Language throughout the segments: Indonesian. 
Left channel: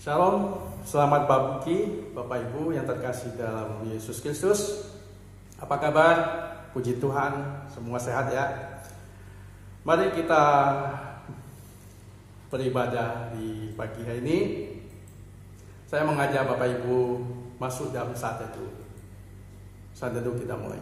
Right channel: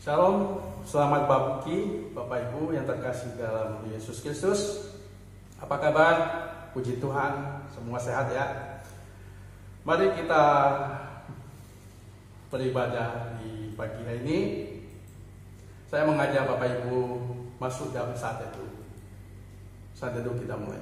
Shalom, selamat pagi Bapak Ibu yang terkasih dalam Yesus Kristus. Apa kabar? Puji Tuhan, semua sehat ya. Mari kita beribadah di pagi hari ini. Saya mengajak Bapak Ibu masuk dalam saat teduh. Saat teduh kita mulai.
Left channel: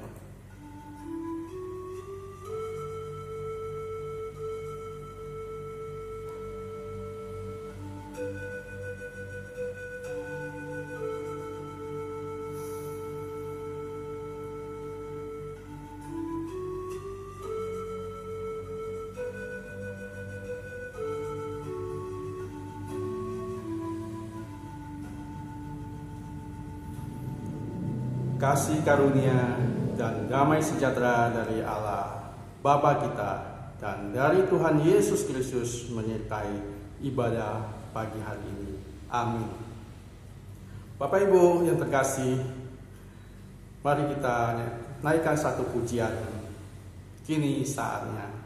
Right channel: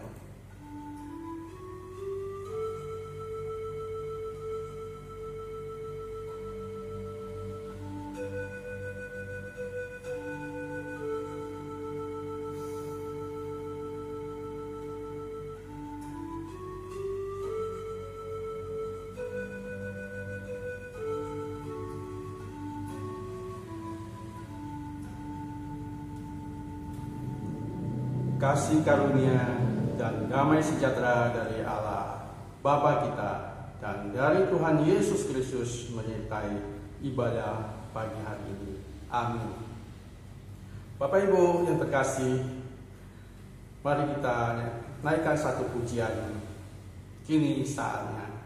Kasih karunia dan damai sejahtera dari Allah Bapa kita dan dari Tuhan Yesus Kristus menyertai ibadah pagi hari ini. Amin. Bapak Ibu yang terkasih, mari kita naikkan satu pujian. Kini saatnya.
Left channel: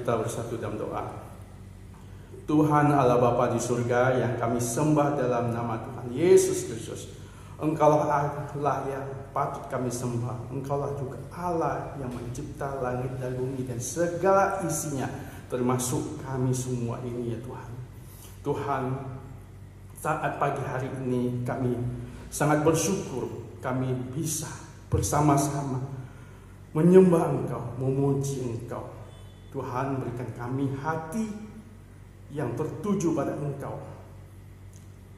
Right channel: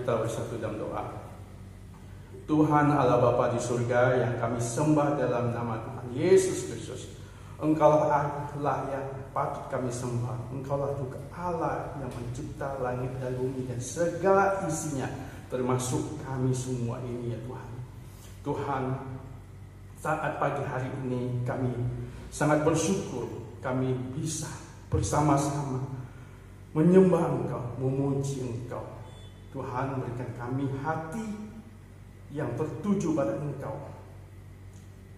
kita bersatu dalam doa. Tuhan Allah Bapa di surga yang kami sembah dalam nama Tuhan Yesus Kristus. Engkaulah Allah yang patut kami sembah. Engkaulah juga Allah yang mencipta langit dan bumi dan segala isinya, termasuk kami semua ini ya Tuhan. Tuhan, saat pagi hari ini kami sangat bersyukur kami bisa bersama-sama menyembah Engkau, memuji Engkau. Tuhan, berikan kami hati yang tertuju pada Engkau,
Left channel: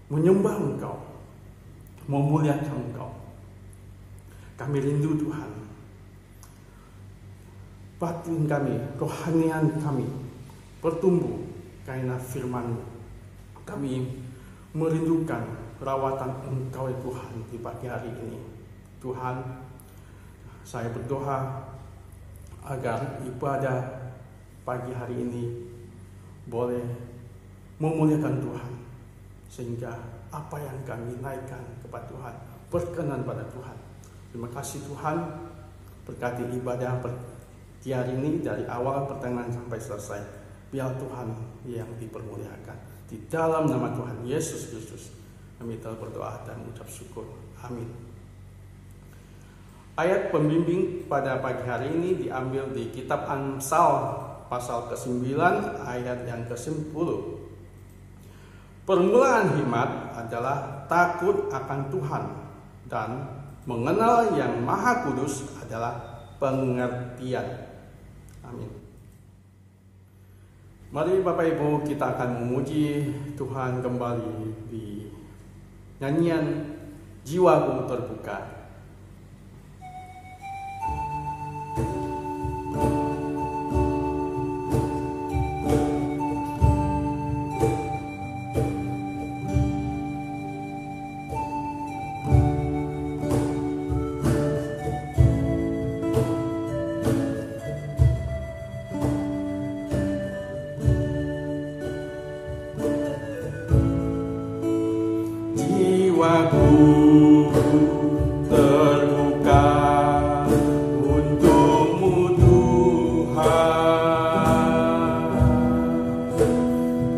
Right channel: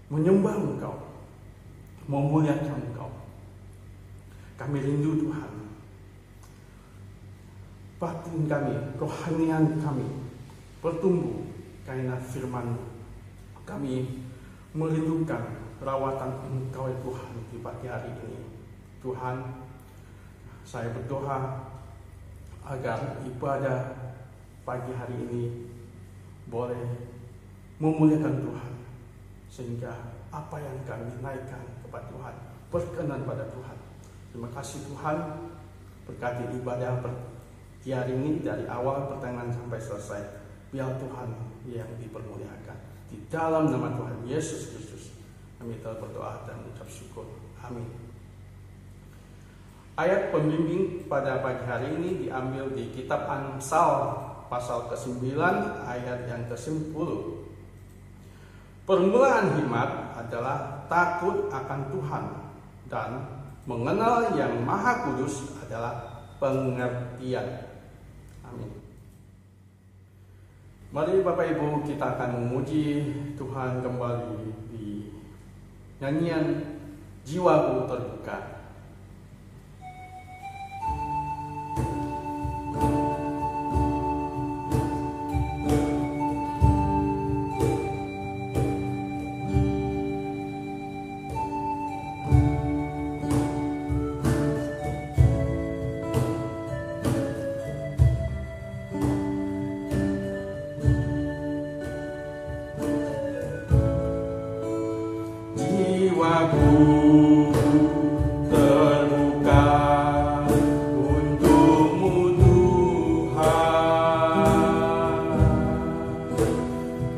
menyembah Engkau, memuliakan Engkau. Kami rindu Tuhan, batin kami, kerohanian kami bertumbuh karena firman-Mu. Kami merindukan perawatan Engkau ya Tuhan di pagi hari ini. Tuhan, saya berdoa agar ibadah pagi hari ini boleh memuliakan Tuhan, sehingga apa yang kami naikkan kepada Tuhan berkenan pada Tuhan. Terima kasih Tuhan, berkati ibadah pagi hari ini dari awal pertengahan sampai selesai. Biar Tuhan yang dipermuliakan. Di dalam nama Tuhan Yesus Kristus kami telah berdoa dan ucap syukur. Amin. Ayat pembimbing pada pagi hari ini diambil di kitab Amsal pasal ke-9 ayat yang ke-10. Permulaan hikmat adalah takut akan Tuhan, dan mengenal yang Maha Kudus adalah pengertian. Amin. Mari Bapak Ibu, kita akan memuji Tuhan kembali di nyanyian Jiwaku Terbuka. Jiwaku terbuka untukmu Tuhan,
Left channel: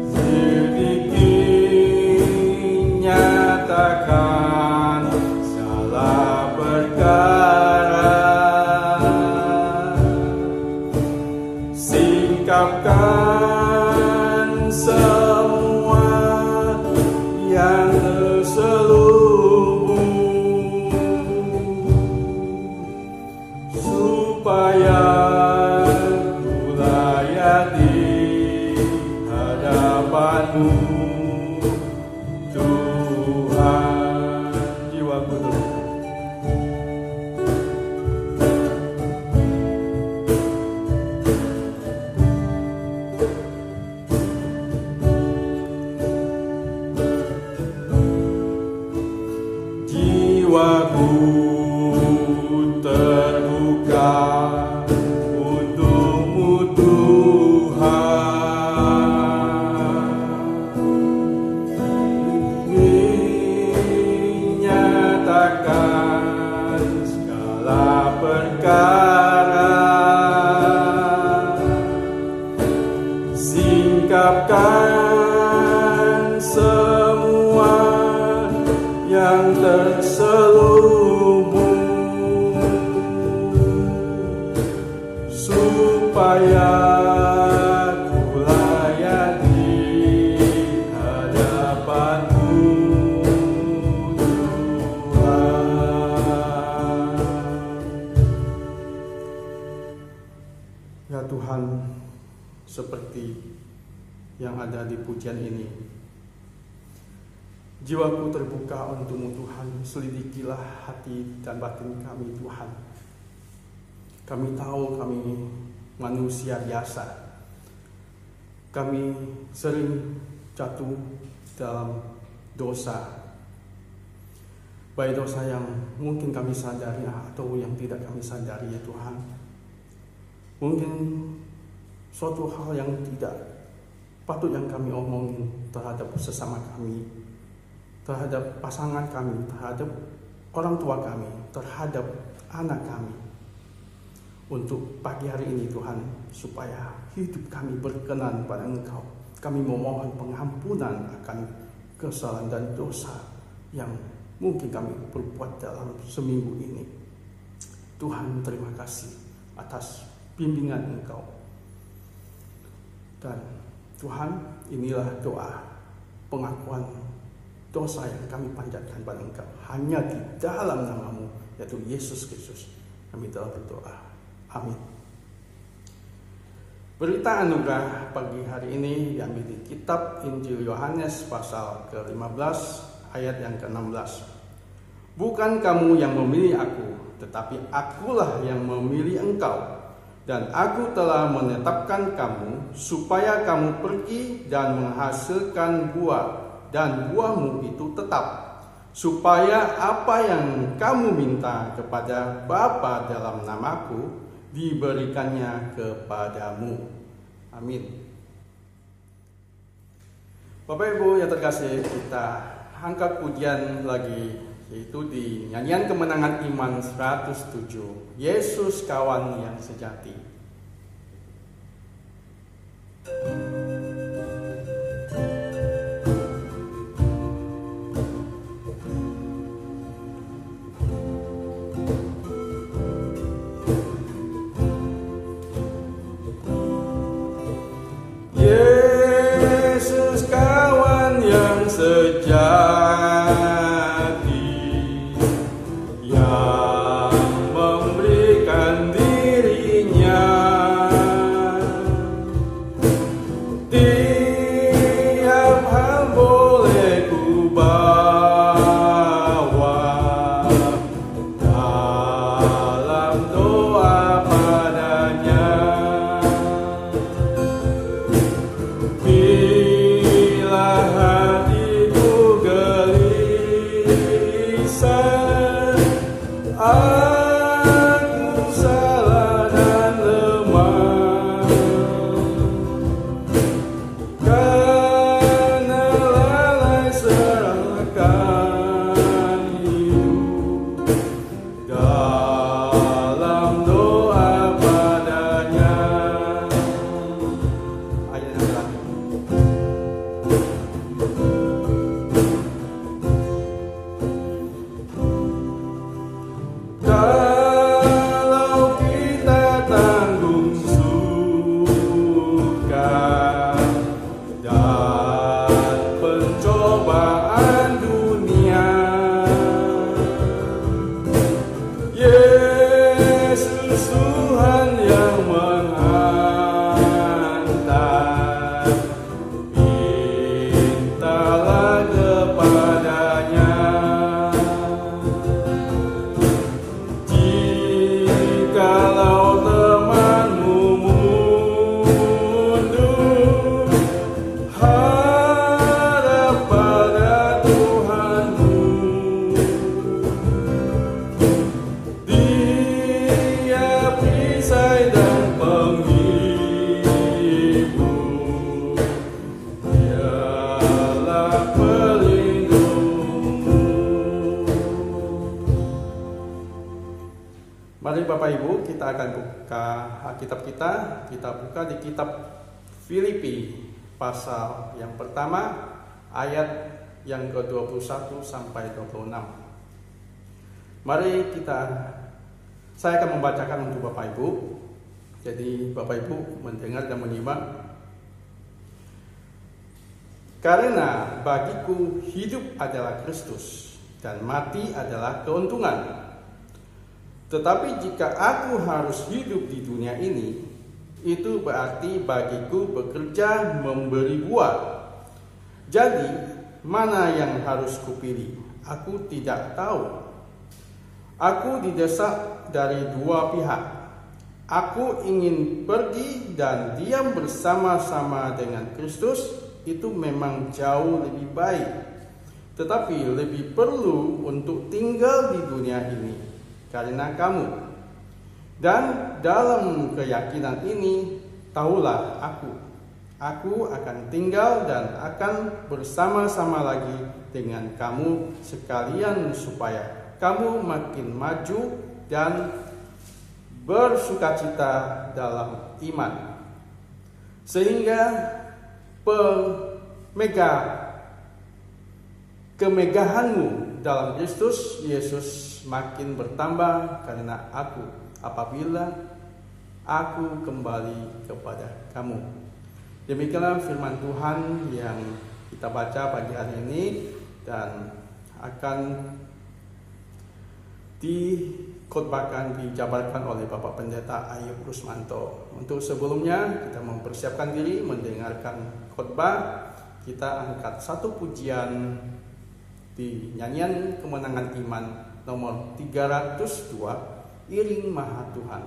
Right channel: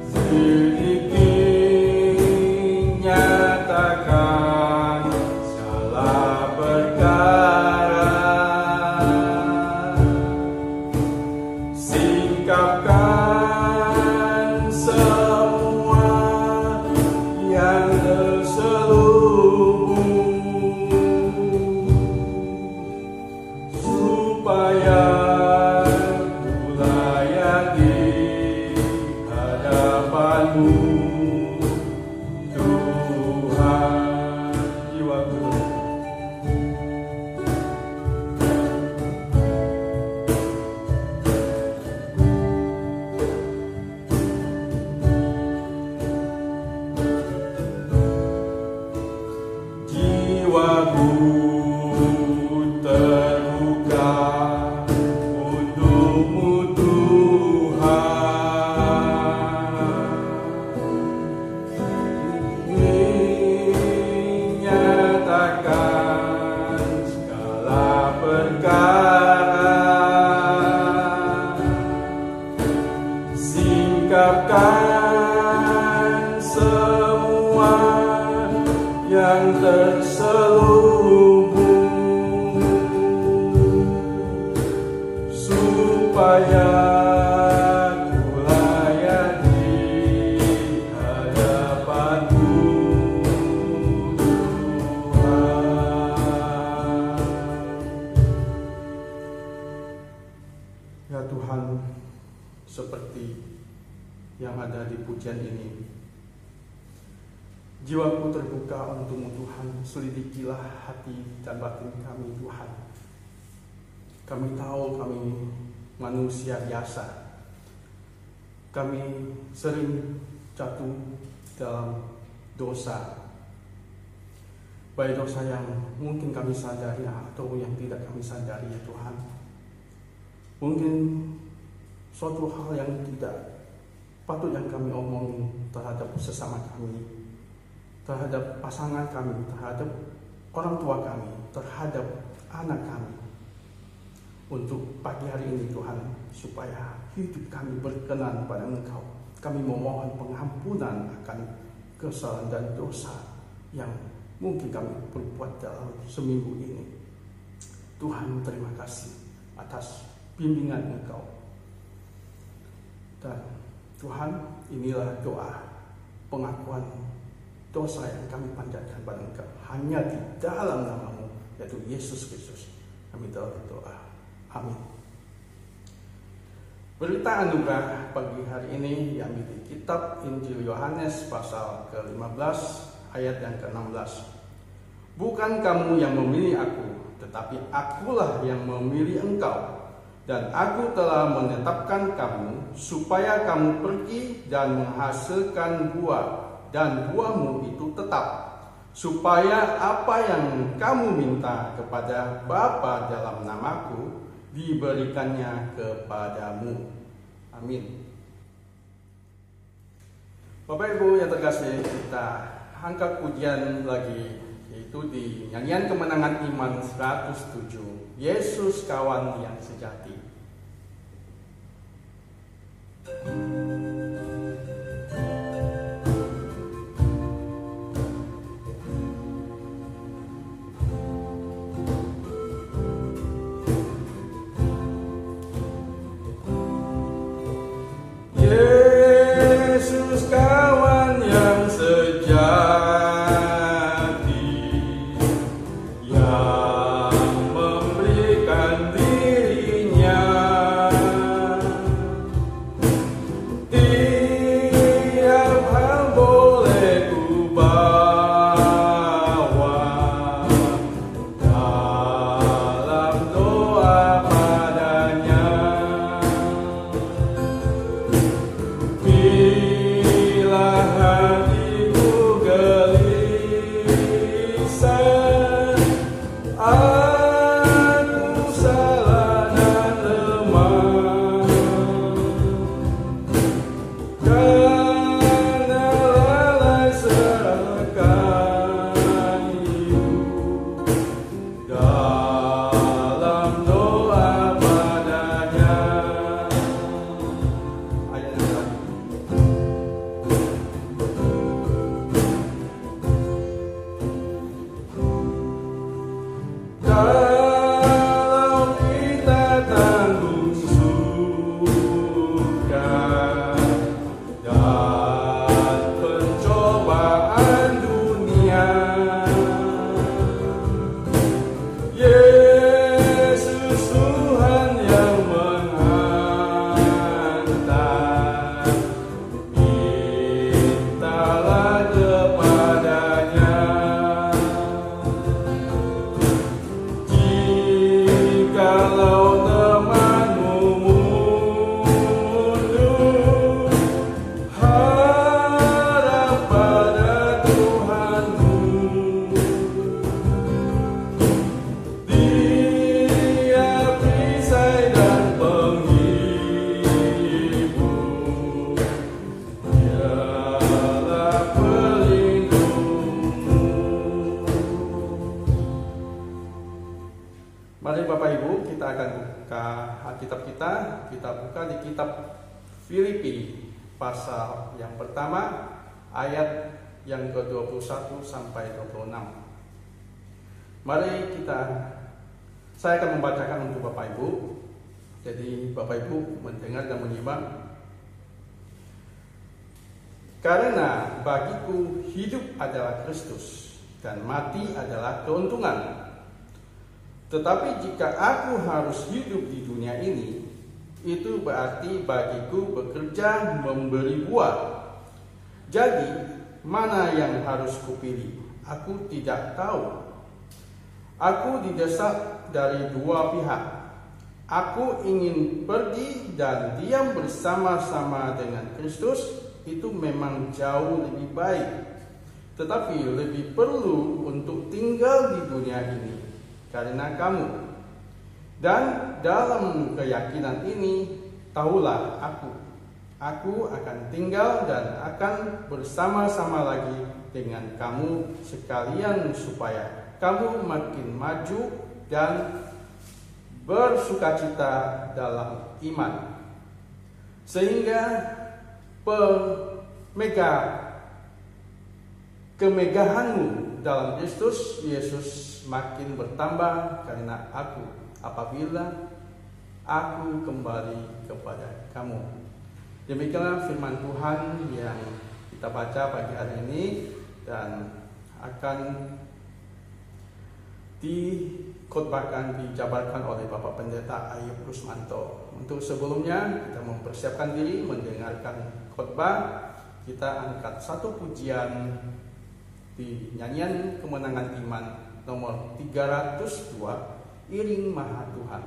sedikit nyatakan segala perkara, singkapkan semua yang terselubung, supaya ku layak di hadapan-Mu Tuhan. Jiwaku terbuka untukmu Tuhan, nyatakan segala perkara, singkapkan semua yang terselubung, supaya ku layak di hadapan-Mu Tuhan. Ya Tuhan, seperti yang ada di pujian ini, jiwaku terbuka untuk-Mu Tuhan, selidikilah hati dan batin kami Tuhan. Kami tahu kami manusia biasa, kami sering jatuh dalam dosa, baik dosa yang mungkin kami sadari atau yang tidak kami sadari ya Tuhan. Mungkin suatu hal yang tidak patut yang kami omongin terhadap sesama kami, terhadap pasangan kami, terhadap orang tua kami, terhadap anak kami. untuk pagi hari ini Tuhan, supaya hidup kami berkenan pada Engkau. Kami memohon pengampunan akan kesalahan dan dosa yang mungkin kami berbuat dalam seminggu ini. Tuhan, terima kasih atas bimbingan Engkau. Dan Tuhan, inilah doa pengakuan dosa yang kami panjatkan pada Engkau hanya di dalam nama-Mu, yaitu Yesus Kristus. Kami telah berdoa. Amin. Berita anugerah pagi hari ini diambil di kitab Injil Yohanes pasal ke-15 ayat yang ke-16. Bukan kamu yang memilih aku, tetapi akulah yang memilih engkau. Dan aku telah menetapkan kamu supaya kamu pergi dan menghasilkan buah, dan buahmu itu tetap, supaya apa yang kamu minta kepada Bapa dalam namaku diberikannya kepadamu. Amin. Bapak Ibu yang terkasih, kita angkat pujian lagi, yaitu di nyanyian kemenangan iman 107, Yesus kawan yang sejati. Yesus kawan yang sejati, yang memberikan dirinya, tiap hal boleh ku bawa dalam doa padanya. Bila hatiku gelisah, aku salah dan lemah, karena lalai serahkan hidup dalam doa padanya. Ayat yang terakhir. Kalau kita tanggung suka dan pencobaan dunia, Yesus Tuhan yang menghantar, mintalah kepadanya. Jikalau temanmu mundur, hadap pada Tuhanmu. Dia perisai dan penghibur, Dialah pelindungmu. Mari Bapak Ibu, kita akan buka Alkitab kita. Kita buka di kitab Filipi pasal yang pertama ayat yang ke-21 sampai 26. Mari saya akan membacakan untuk Bapak Ibu. Jadi Bapak Ibu mendengar dan menyimak. Karena bagiku hidup adalah Kristus dan mati adalah keuntungan. Tetapi jika aku harus hidup di dunia ini, itu berarti bagiku bekerja memberi buah. Jadi, mana yang harus kupilih? Aku tidak tahu. Aku didesak dari dua pihak. Aku ingin pergi dan diam bersama-sama dengan Kristus, itu memang jauh lebih baik. Tetapi lebih perlu untuk tinggal di dunia ini karena kamu. Dan dalam keyakinan ini, tahulah aku akan tinggal dan akan bersama-sama lagi dengan kamu sekalian, supaya kamu makin maju dan bersukacita dalam iman, sehingga kemegahanmu dalam Kristus Yesus makin bertambah karena aku, apabila aku kembali kepada kamu. Demikianlah firman Tuhan yang kita baca pagi hari ini dan akan dikhotbahkan, dijabarkan oleh Bapak Pendeta Ayub Rusmanto. Untuk sebelumnya kita mempersiapkan diri mendengarkan khotbah. Kita angkat satu pujian di nyanyian Kemenangan Iman nomor 302, Iring Maha Tuhan.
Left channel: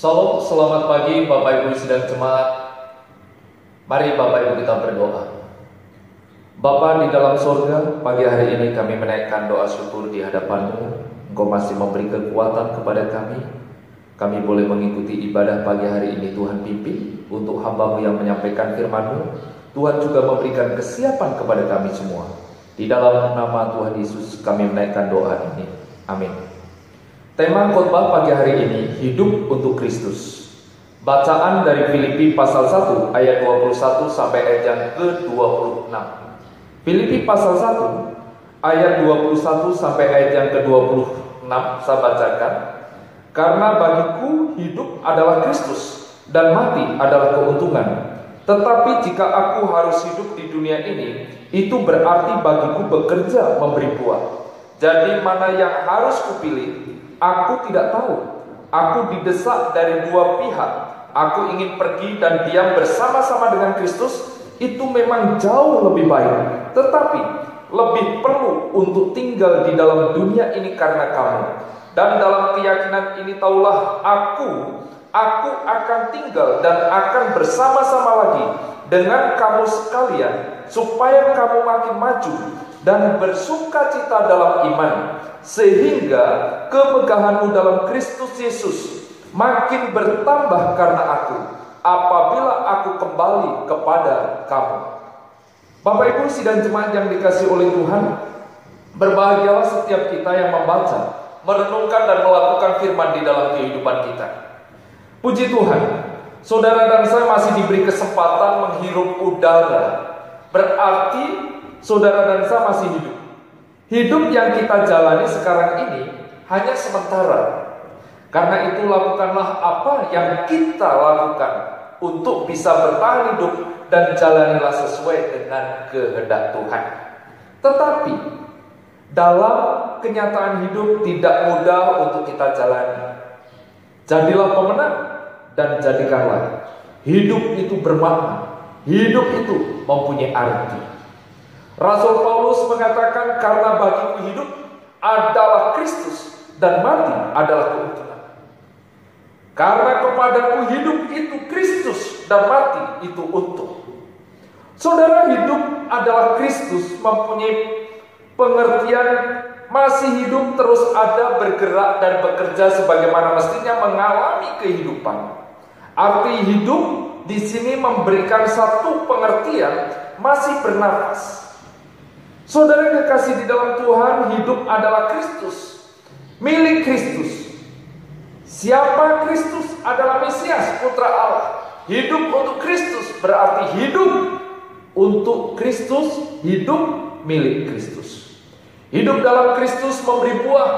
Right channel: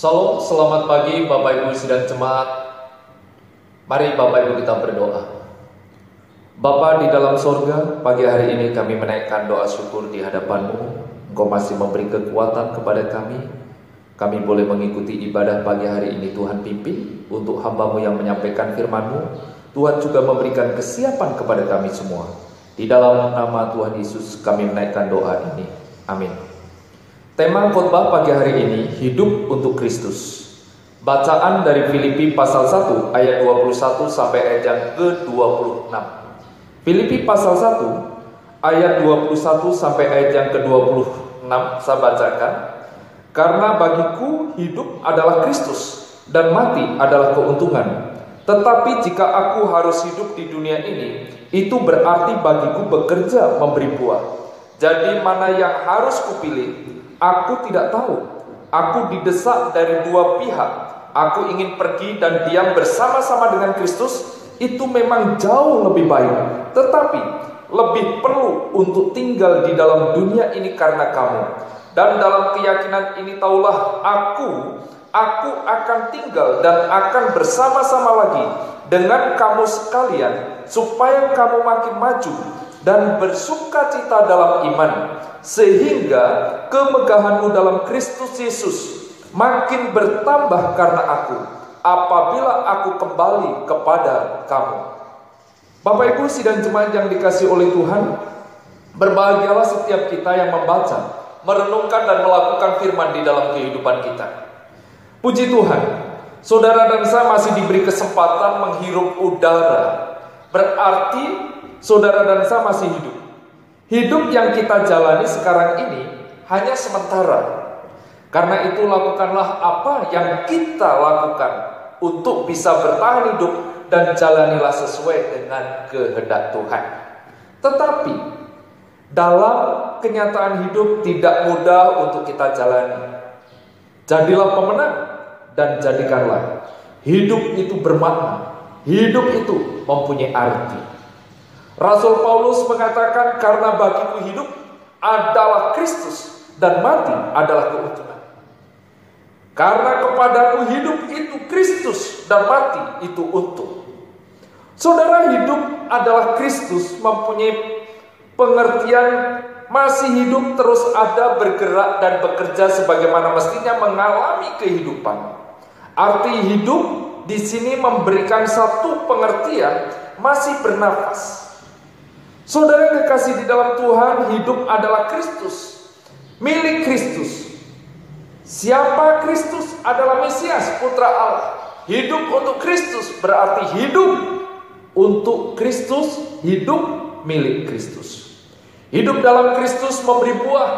Salam, selamat pagi Bapak Ibu sidang jemaat. Mari Bapak Ibu kita berdoa. Bapa di dalam surga, pagi hari ini kami menaikkan doa syukur di hadapan-Mu. Engkau masih memberi kekuatan kepada kami. Kami boleh mengikuti ibadah pagi hari ini. Tuhan pimpin untuk hamba-Mu yang menyampaikan firman-Mu. Tuhan juga memberikan kesiapan kepada kami semua. Di dalam nama Tuhan Yesus kami menaikkan doa ini. Amin. Tema khotbah pagi hari ini, hidup untuk Kristus. Bacaan dari Filipi pasal 1 ayat 21 sampai ayat yang ke-26. Filipi pasal 1 ayat 21 sampai ayat yang ke-26 saya bacakan. Karena bagiku hidup adalah Kristus dan mati adalah keuntungan. Tetapi jika aku harus hidup di dunia ini, itu berarti bagiku bekerja memberi buah. Jadi mana yang harus kupilih? Aku tidak tahu. Aku didesak dari dua pihak. Aku ingin pergi dan diam bersama-sama dengan Kristus. Itu memang jauh lebih baik. Tetapi lebih perlu untuk tinggal di dalam dunia ini karena kamu. Dan dalam keyakinan ini taulah aku akan tinggal dan akan bersama-sama lagi dengan kamu sekalian, supaya kamu makin maju dan bersukacita dalam iman, sehingga kemegahanmu dalam Kristus Yesus makin bertambah karena aku, apabila aku kembali kepada kamu. Bapak Ibu sidang jemaat yang dikasihi oleh Tuhan, berbahagialah setiap kita yang membaca, merenungkan dan melakukan firman di dalam kehidupan kita. Puji Tuhan, saudara dan saya masih diberi kesempatan menghirup udara. Berarti saudara dan saya masih hidup. Hidup yang kita jalani sekarang ini hanya sementara. Karena itu lakukanlah apa yang kita lakukan untuk bisa bertahan hidup dan jalanilah sesuai dengan kehendak Tuhan. Tetapi dalam kenyataan hidup tidak mudah untuk kita jalani. Jadilah pemenang dan jadikanlah hidup itu bermakna, hidup itu mempunyai arti. Rasul Paulus mengatakan, karena bagiku hidup adalah Kristus dan mati adalah keuntungan. Karena kepadaku hidup itu Kristus dan mati itu untung. Saudara, hidup adalah Kristus mempunyai pengertian masih hidup, terus ada, bergerak dan bekerja sebagaimana mestinya mengalami kehidupan. Arti hidup di sini memberikan satu pengertian masih bernafas. Saudara kekasih di dalam Tuhan, hidup adalah Kristus, milik Kristus. Siapa Kristus? Adalah Mesias, Putra Allah. Hidup untuk Kristus berarti hidup untuk Kristus, hidup milik Kristus. Hidup dalam Kristus memberi buah,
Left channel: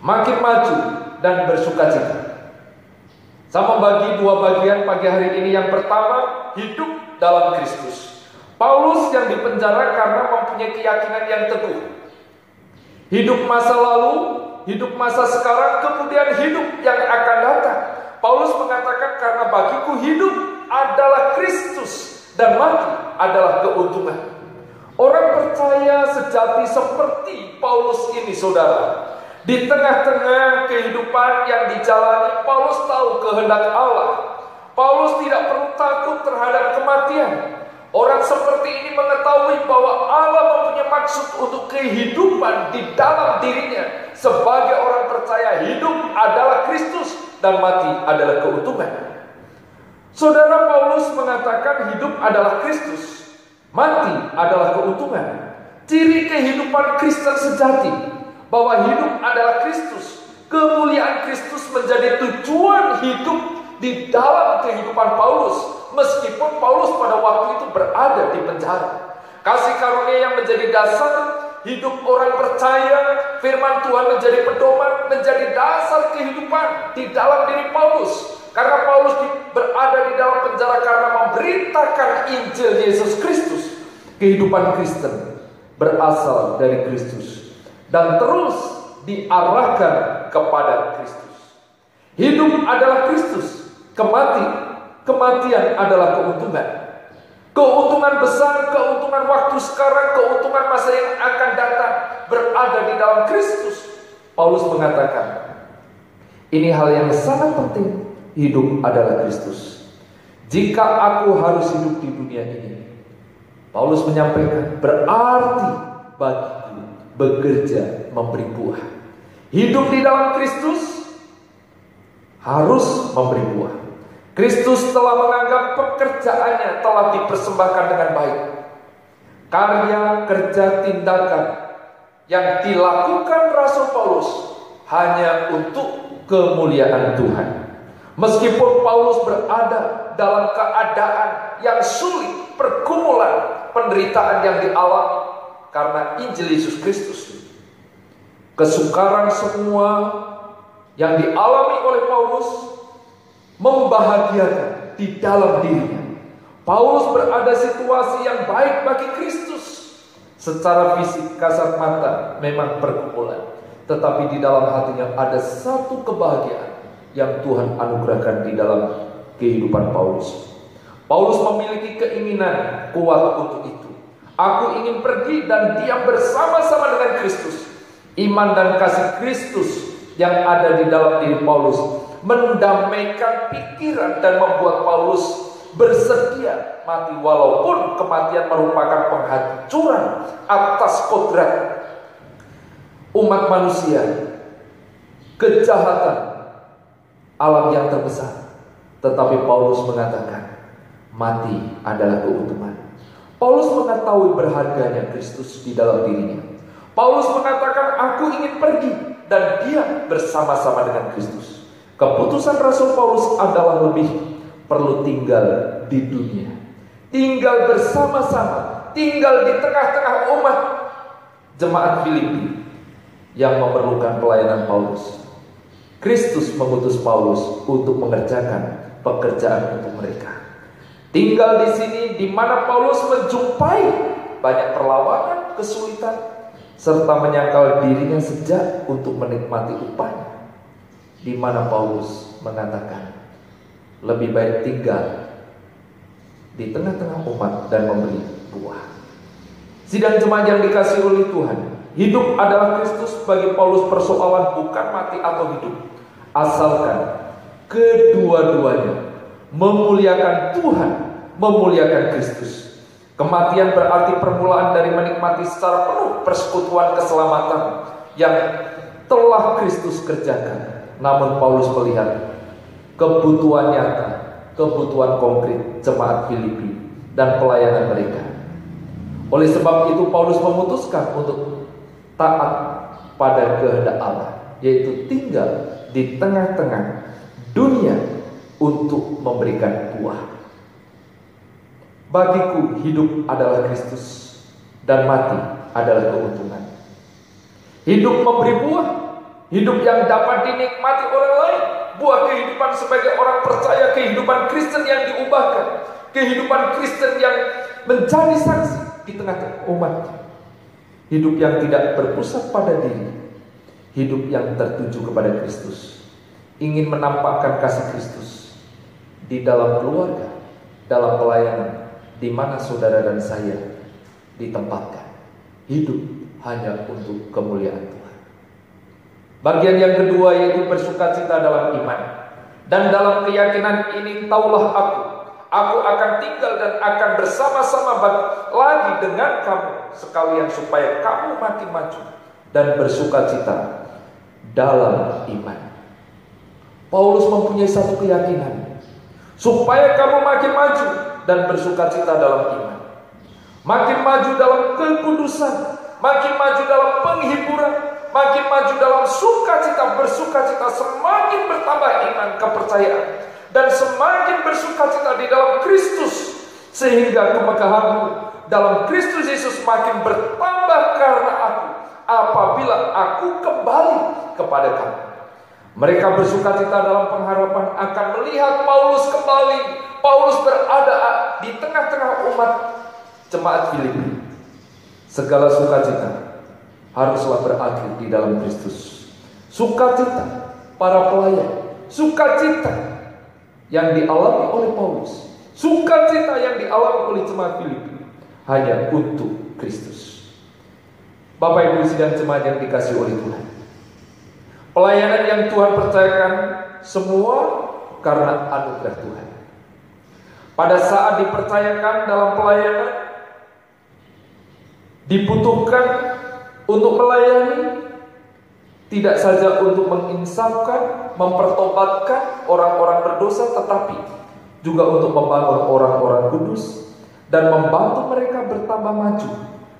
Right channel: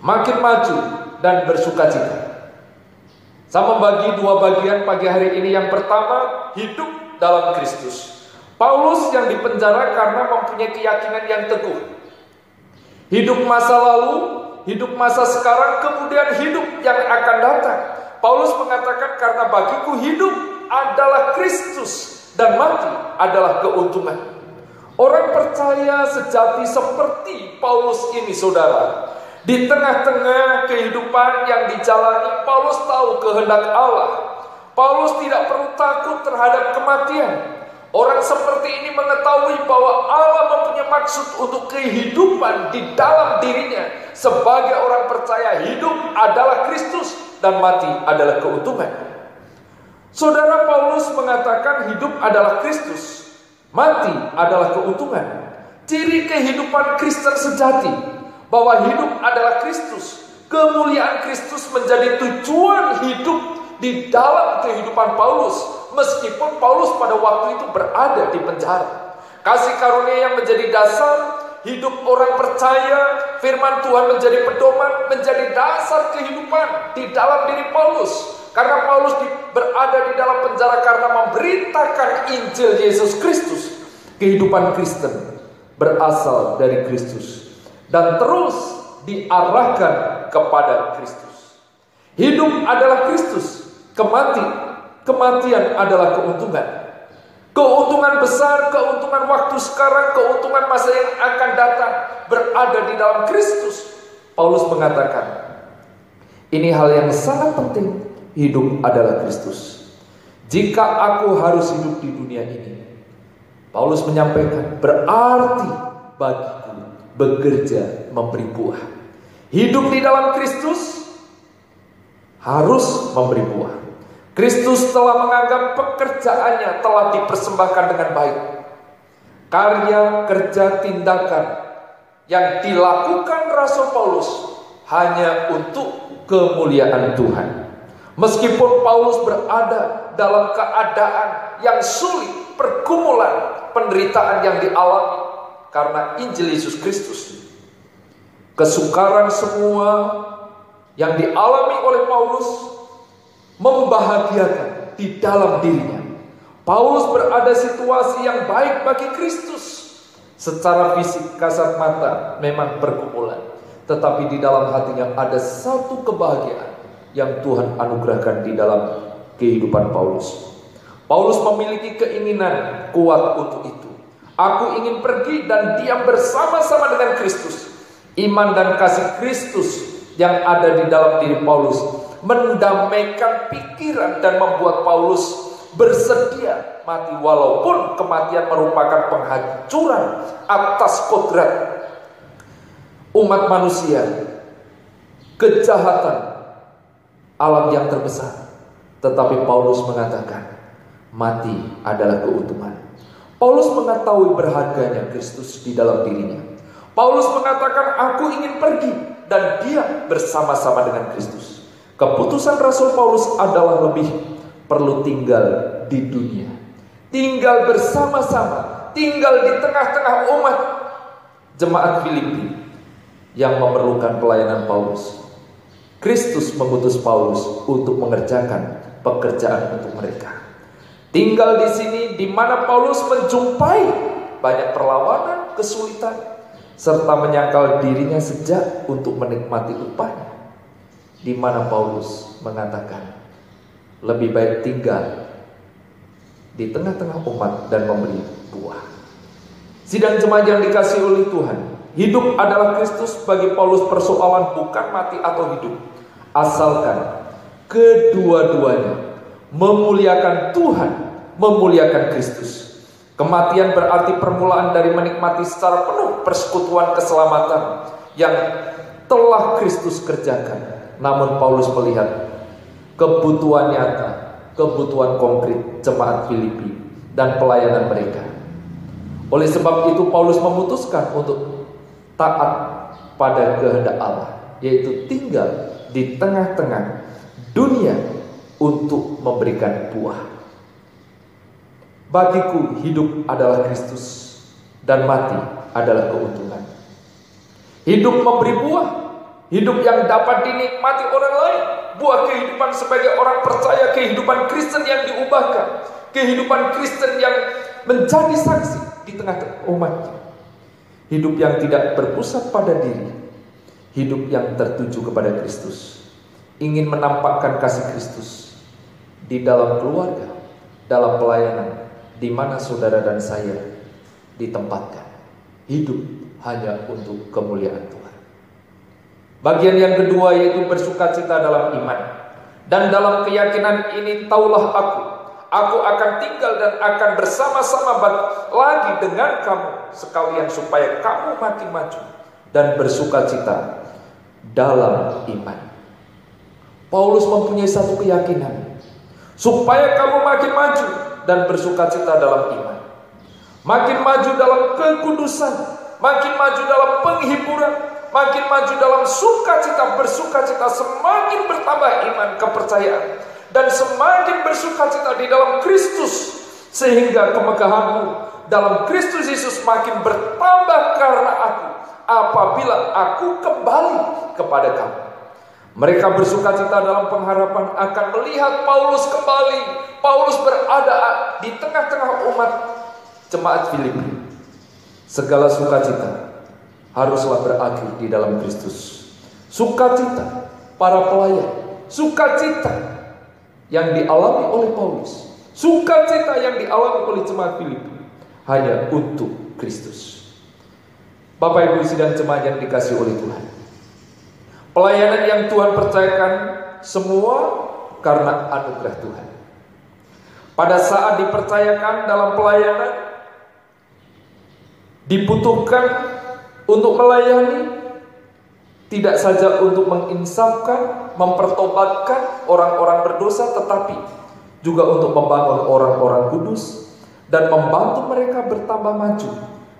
makin maju dan bersukacita. Saya membagi dua bagian pagi hari ini. Yang pertama, hidup dalam Kristus. Paulus yang dipenjara karena mempunyai keyakinan yang teguh. Hidup masa lalu, hidup masa sekarang, kemudian hidup yang akan datang. Paulus mengatakan, karena bagiku hidup adalah Kristus dan mati adalah keuntungan. Orang percaya sejati seperti Paulus ini, saudara, di tengah-tengah kehidupan yang dijalani, Paulus tahu kehendak Allah. Paulus tidak perlu takut terhadap kematian. Orang seperti ini mengetahui bahwa Allah mempunyai maksud untuk kehidupan di dalam dirinya. Sebagai orang percaya, hidup adalah Kristus dan mati adalah keuntungan. Saudara, Paulus mengatakan hidup adalah Kristus, mati adalah keuntungan. Ciri kehidupan Kristen sejati, bahwa hidup adalah Kristus. Kemuliaan Kristus menjadi tujuan hidup di dalam kehidupan Paulus. Meskipun Paulus pada waktu itu berada di penjara, kasih karunia yang menjadi dasar hidup orang percaya, firman Tuhan menjadi pedoman, menjadi dasar kehidupan di dalam diri Paulus. Karena Paulus berada di dalam penjara karena memberitakan Injil Yesus Kristus. Kehidupan Kristen berasal dari Kristus dan terus diarahkan kepada Kristus. Hidup adalah Kristus, kematian adalah keuntungan. Keuntungan besar, keuntungan waktu sekarang, keuntungan masa yang akan datang berada di dalam Kristus. Paulus mengatakan, ini hal yang sangat penting. Hidup adalah Kristus. Jika aku harus hidup di dunia ini, Paulus menyampaikan, berarti bagiku bekerja memberi buah. Hidup di dalam Kristus harus memberi buah. Kristus telah menganggap pekerjaannya telah dipersembahkan dengan baik. Karya, kerja, tindakan yang dilakukan Rasul Paulus hanya untuk kemuliaan Tuhan. Meskipun Paulus berada dalam keadaan yang sulit, pergumulan, penderitaan yang dialami karena Injil Yesus Kristus, kesukaran semua yang dialami oleh Paulus membahagiakan di dalam dirinya. Paulus berada situasi yang baik bagi Kristus. Secara fisik kasat mata memang pergumulan, tetapi di dalam hatinya ada satu kebahagiaan yang Tuhan anugerahkan di dalam kehidupan Paulus. Paulus memiliki keinginan kuat untuk itu. Aku ingin pergi dan diam bersama-sama dengan Kristus. Iman dan kasih Kristus yang ada di dalam diri Paulus mendamaikan pikiran dan membuat Paulus bersedia mati, walaupun kematian merupakan penghancuran atas kodrat umat manusia, kejahatan alam yang terbesar. Tetapi Paulus mengatakan, mati adalah keuntungan. Paulus mengetahui berharganya Kristus di dalam dirinya. Paulus mengatakan, aku ingin pergi dan diam bersama-sama dengan Kristus. Keputusan Rasul Paulus adalah lebih perlu tinggal di dunia, tinggal bersama-sama, tinggal di tengah-tengah umat jemaat Filipi yang memerlukan pelayanan Paulus. Kristus mengutus Paulus untuk mengerjakan pekerjaan untuk mereka. Tinggal di sini di mana Paulus menjumpai banyak perlawanan, kesulitan, serta menyangkal dirinya sejak untuk menikmati upahnya. Di mana Paulus mengatakan, lebih baik tinggal di tengah-tengah umat dan memberi buah. Sidang jemaat yang dikasihi oleh Tuhan, hidup adalah Kristus. Bagi Paulus persoalan bukan mati atau hidup, asalkan kedua-duanya memuliakan Tuhan, memuliakan Kristus. Kematian berarti permulaan dari menikmati secara penuh persekutuan keselamatan yang telah Kristus kerjakan. Namun Paulus melihat kebutuhan nyata, kebutuhan konkret jemaat Filipi dan pelayanan mereka. Oleh sebab itu Paulus memutuskan untuk taat pada kehendak Allah, yaitu tinggal di tengah-tengah dunia untuk memberikan buah. Bagiku hidup adalah Kristus dan mati adalah keuntungan. Hidup memberi buah, hidup yang dapat dinikmati orang lain, buah kehidupan sebagai orang percaya, kehidupan Kristen yang diubahkan, kehidupan Kristen yang menjadi saksi di tengah-tengah umatnya. Hidup yang tidak berpusat pada diri, hidup yang tertuju kepada Kristus, ingin menampakkan kasih Kristus di dalam keluarga, dalam pelayanan, di mana saudara dan saya ditempatkan. Hidup hanya untuk kemuliaan Tuhan. Bagian yang kedua yaitu bersukacita dalam iman. Dan dalam keyakinan ini taulah aku akan tinggal dan akan bersama-sama lagi dengan kamu sekalian supaya kamu makin maju dan bersukacita dalam iman. Paulus mempunyai satu keyakinan, supaya kamu makin maju dan bersukacita dalam iman, makin maju dalam kekudusan, makin maju dalam penghiburan, makin maju dalam sukacita, bersukacita, semakin bertambah iman kepercayaan, dan semakin bersukacita di dalam Kristus, sehingga kemegahanmu dalam Kristus Yesus makin bertambah karena aku, apabila aku kembali kepada kamu. Mereka bersukacita dalam pengharapan akan melihat Paulus kembali. Paulus berada di tengah-tengah umat jemaat Filipi. Segala sukacita haruslah berakhir di dalam Kristus. Sukacita para pelayan, sukacita yang dialami oleh Paulus, sukacita yang dialami oleh jemaat Filipi hanya untuk Kristus. Bapak Ibu sidang jemaat yang dikasihi oleh Tuhan, pelayanan yang Tuhan percayakan semua karena anugerah Tuhan. Pada saat dipercayakan dalam pelayanan, dibutuhkan untuk melayani, tidak saja untuk menginsafkan, mempertobatkan orang-orang berdosa, tetapi juga untuk membangun orang-orang kudus dan membantu mereka bertambah maju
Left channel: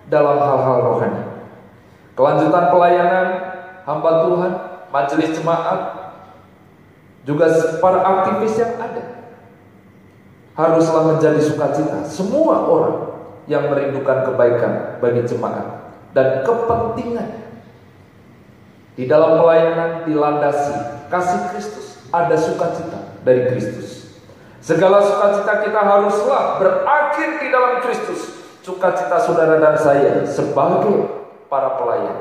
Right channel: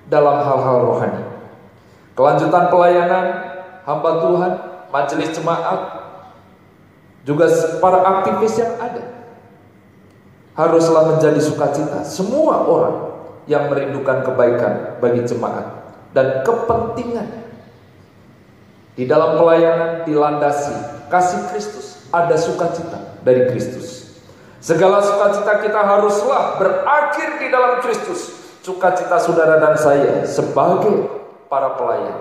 dalam hal-hal rohani. Kelanjutan pelayanan hamba Tuhan, majelis jemaat, juga para aktivis yang ada, haruslah menjadi sukacita semua orang yang merindukan kebaikan bagi jemaat dan kepentingan di dalam pelayanan dilandasi kasih Kristus. Ada sukacita dari Kristus. Segala sukacita kita haruslah berakhir di dalam Kristus. Sukacita saudara dan saya sebagai para pelayan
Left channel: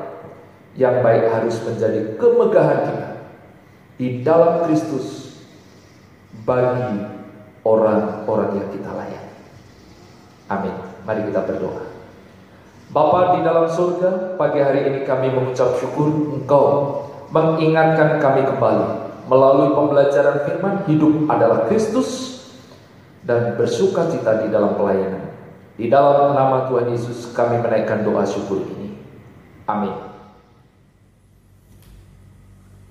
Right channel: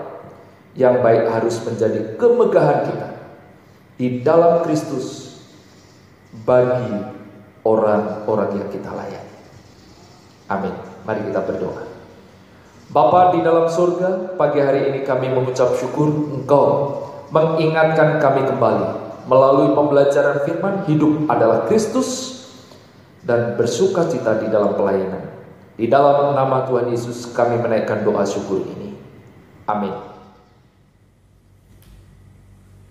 yang baik harus menjadi kemegahan kita di dalam Kristus bagi orang-orang yang kita layani. Amin. Mari kita berdoa. Bapa di dalam surga, pagi hari ini kami mengucap syukur Engkau mengingatkan kami kembali melalui pembelajaran firman, hidup adalah Kristus dan bersukacita di dalam pelayanan. Di dalam nama Tuhan Yesus kami menaikkan doa syukur ini. Amin.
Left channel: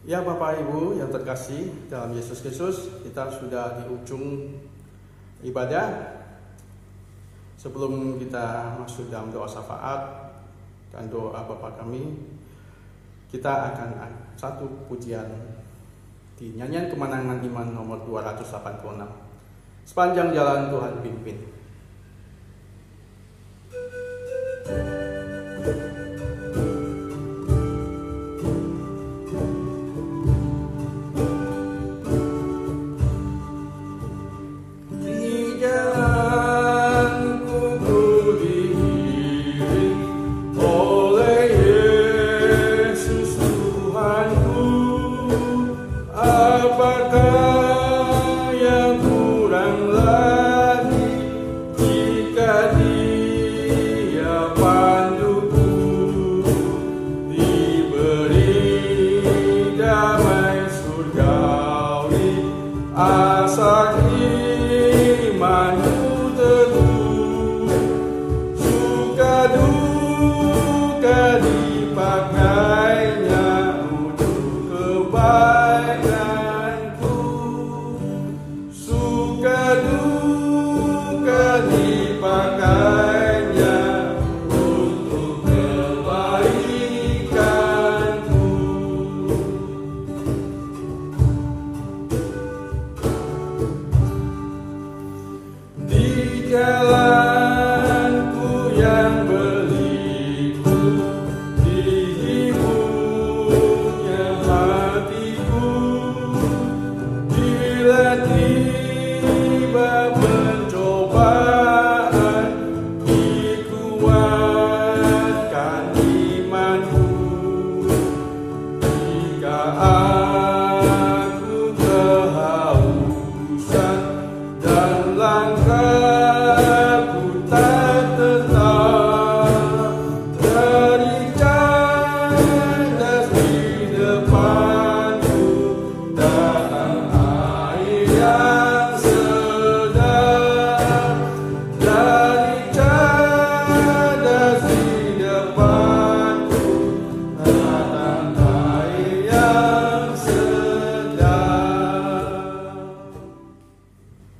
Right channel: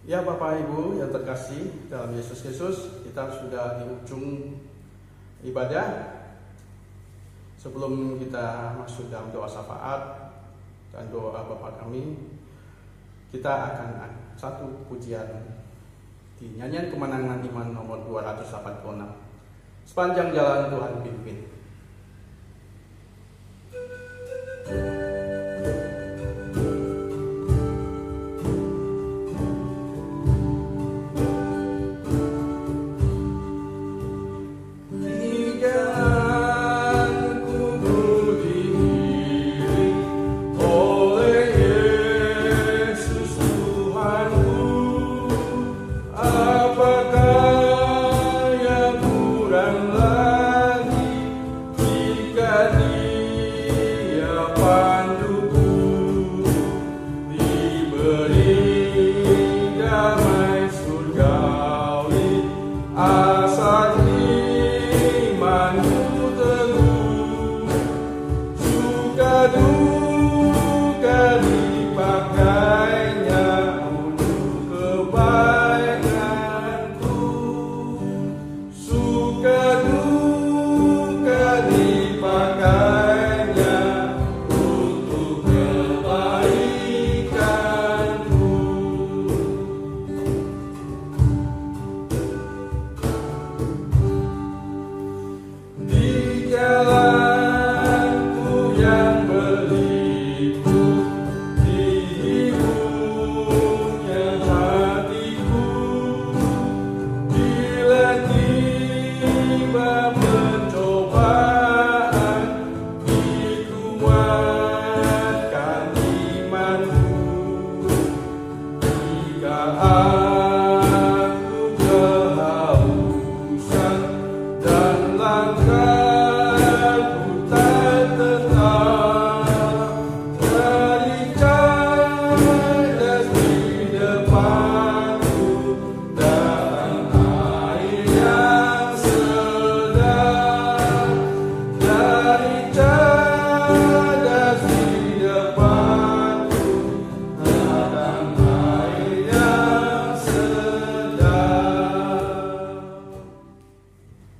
Ya Bapak Ibu yang terkasih dalam Yesus Kristus, kita sudah di ujung ibadah. Sebelum kita masuk dalam doa syafaat dan doa Bapa kami, kita akan satu pujian di nyanyian kemenangan iman nomor 286. Sepanjang jalan Tuhan pimpin.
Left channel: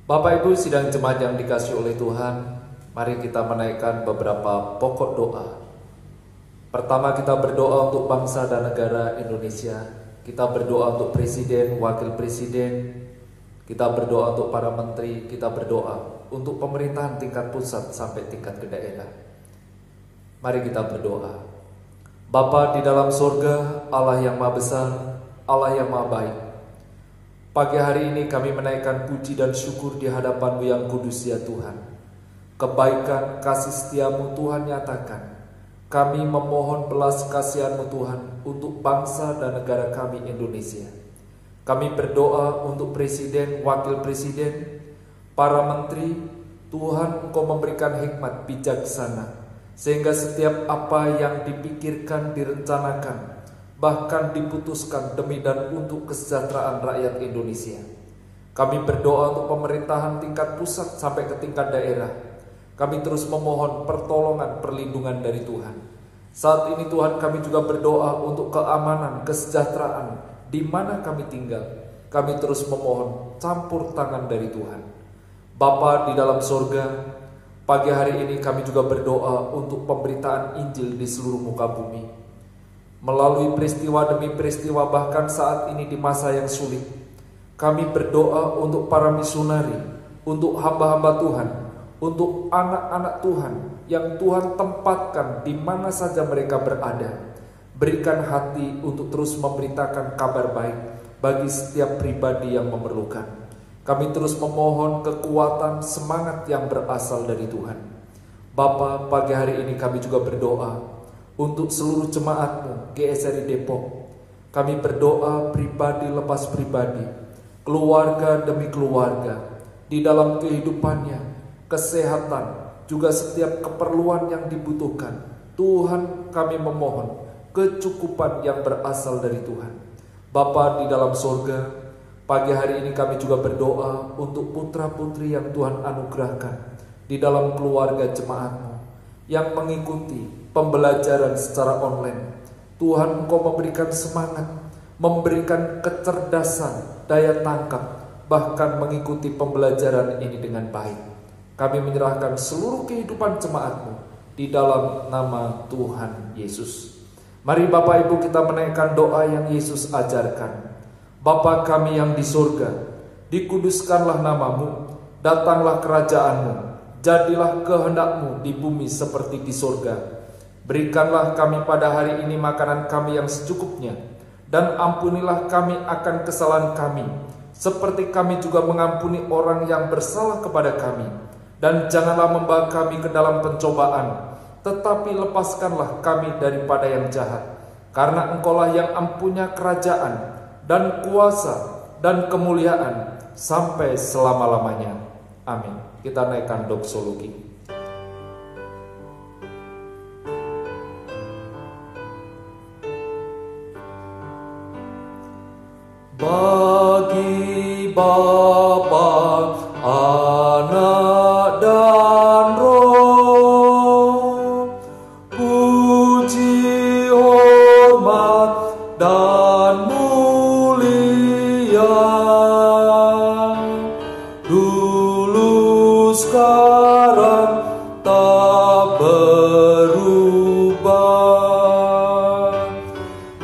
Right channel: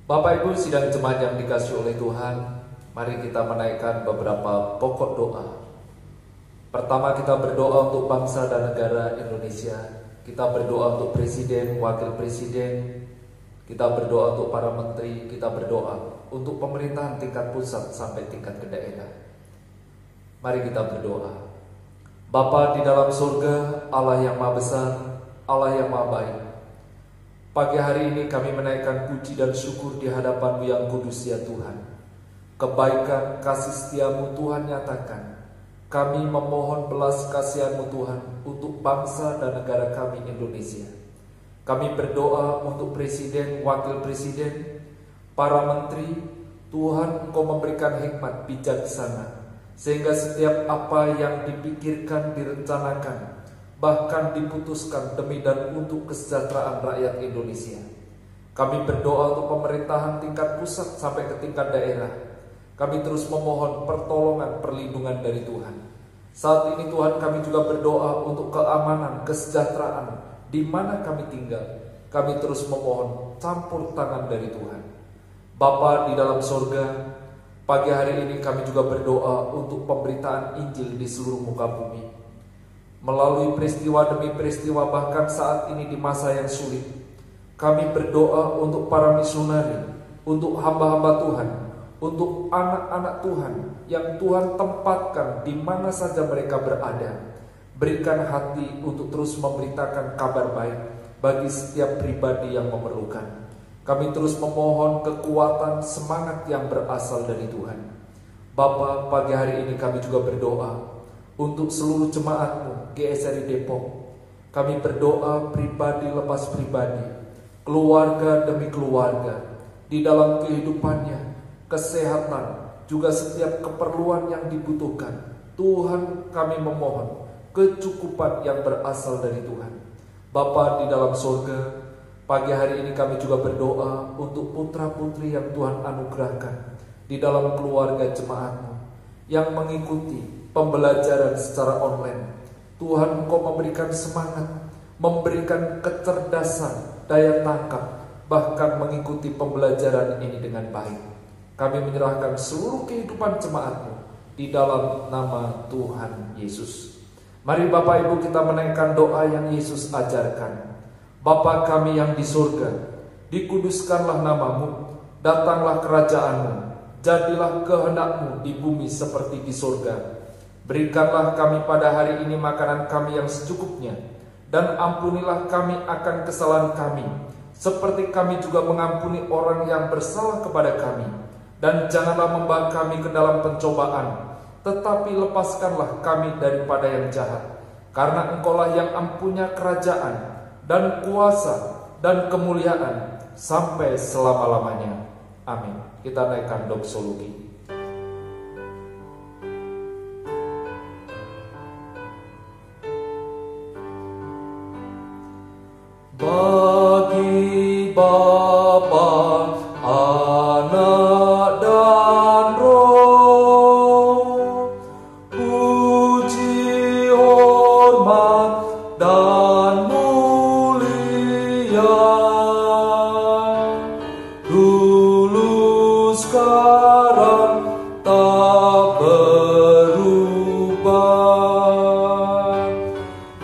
Bapak Ibu sidang jemaat yang dikasihi oleh Tuhan, mari kita menaikkan beberapa pokok doa. Pertama, kita berdoa untuk bangsa dan negara Indonesia. Kita berdoa untuk presiden, wakil presiden. Kita berdoa untuk para menteri. Kita berdoa untuk pemerintahan tingkat pusat sampai tingkat ke daerah. Mari kita berdoa. Bapa di dalam surga, Allah yang Maha Besar, Allah yang Maha Baik. Pagi hari ini kami menaikkan puji dan syukur di hadapan-Mu yang kudus ya Tuhan. Kebaikan kasih setia-Mu Tuhan nyatakan. Kami memohon belas kasihan-Mu Tuhan untuk bangsa dan negara kami Indonesia. Kami berdoa untuk presiden, wakil presiden, para menteri. Tuhan Engkau memberikan hikmat bijaksana, sehingga setiap apa yang dipikirkan, direncanakan, bahkan diputuskan demi dan untuk kesejahteraan rakyat Indonesia. Kami berdoa untuk pemerintahan tingkat pusat sampai ke tingkat daerah. Kami terus memohon pertolongan, perlindungan dari Tuhan. Saat ini Tuhan, kami juga berdoa untuk keamanan, kesejahteraan di mana kami tinggal. Kami terus memohon campur tangan dari Tuhan. Bapa di dalam sorga, pagi hari ini kami juga berdoa untuk pemberitaan Injil di seluruh muka bumi. Melalui peristiwa demi peristiwa, bahkan saat ini di masa yang sulit, kami berdoa untuk para misionari, untuk hamba-hamba Tuhan, untuk anak-anak Tuhan yang Tuhan tempatkan di mana saja mereka berada. Berikan hati untuk terus memberitakan kabar baik bagi setiap pribadi yang memerlukan. Kami terus memohon kekuatan semangat yang berasal dari Tuhan. Bapa, pagi hari ini kami juga berdoa untuk seluruh jemaat-Mu GSRI Depok. Kami berdoa pribadi lepas pribadi, keluarga demi keluarga, di dalam kehidupannya, kesehatan, juga setiap keperluan yang dibutuhkan. Tuhan, kami memohon kecukupan yang berasal dari Tuhan. Bapa di dalam surga, pagi hari ini kami juga berdoa untuk putra-putri yang Tuhan anugerahkan di dalam keluarga jemaat-Mu yang mengikuti pembelajaran secara online. Tuhan, Engkau memberikan semangat, memberikan kecerdasan, daya tangkap, bahkan mengikuti pembelajaran ini dengan baik. Kami menyerahkan seluruh kehidupan jemaat-Mu di dalam nama Tuhan Yesus. Mari Bapak Ibu kita menaikkan doa yang Yesus ajarkan. Bapa kami yang di surga, dikuduskanlah nama-Mu, datanglah kerajaan-Mu, jadilah kehendak-Mu di bumi seperti di surga. Berikanlah kami pada hari ini makanan kami yang secukupnya, dan ampunilah kami akan kesalahan kami, seperti kami juga mengampuni orang yang bersalah kepada kami. Dan janganlah membawa kami ke dalam pencobaan, tetapi lepaskanlah kami daripada yang jahat. Karena Engkaulah yang empunya kerajaan, dan kuasa, dan kemuliaan, sampai selama-lamanya. Amin. Kita naikkan doksologi. Bagi Bapa, Anak dan Roh, puji, hormat, dan mulia, dulu sekarang tak berubah,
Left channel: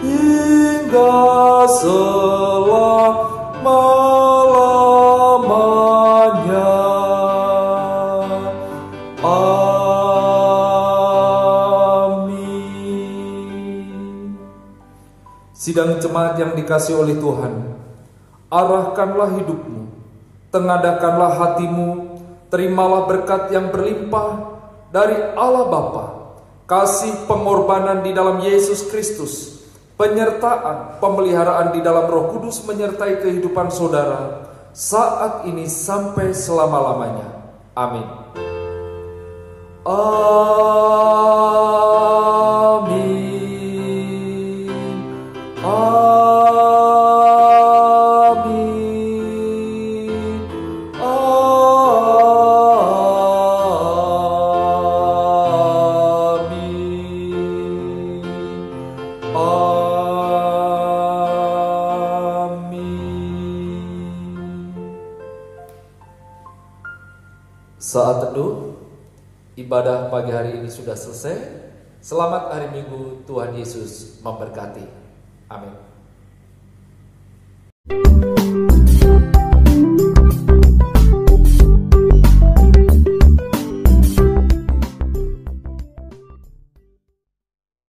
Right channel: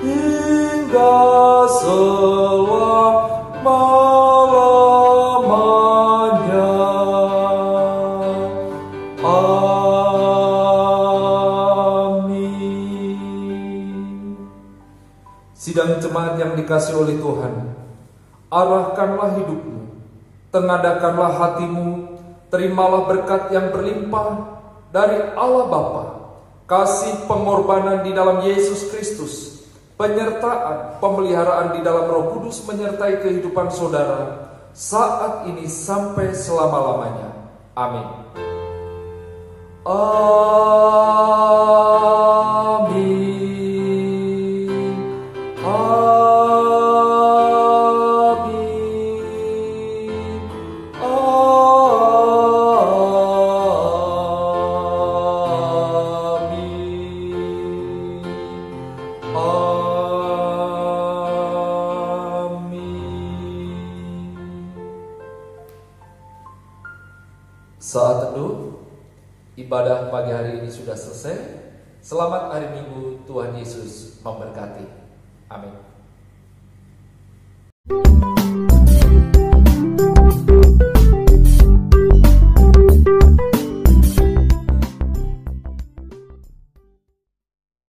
hingga selamanya. Sidang jemaat yang dikasihi oleh Tuhan, arahkanlah hidupmu, tengadakanlah hatimu, terimalah berkat yang berlimpah dari Allah Bapa, kasih pengorbanan di dalam Yesus Kristus, penyertaan, pemeliharaan di dalam Roh Kudus menyertai kehidupan saudara saat ini sampai selama-lamanya. Amin. Saat teduh ibadah pagi hari ini sudah selesai. Selamat hari Minggu, Tuhan Yesus memberkati. Amin.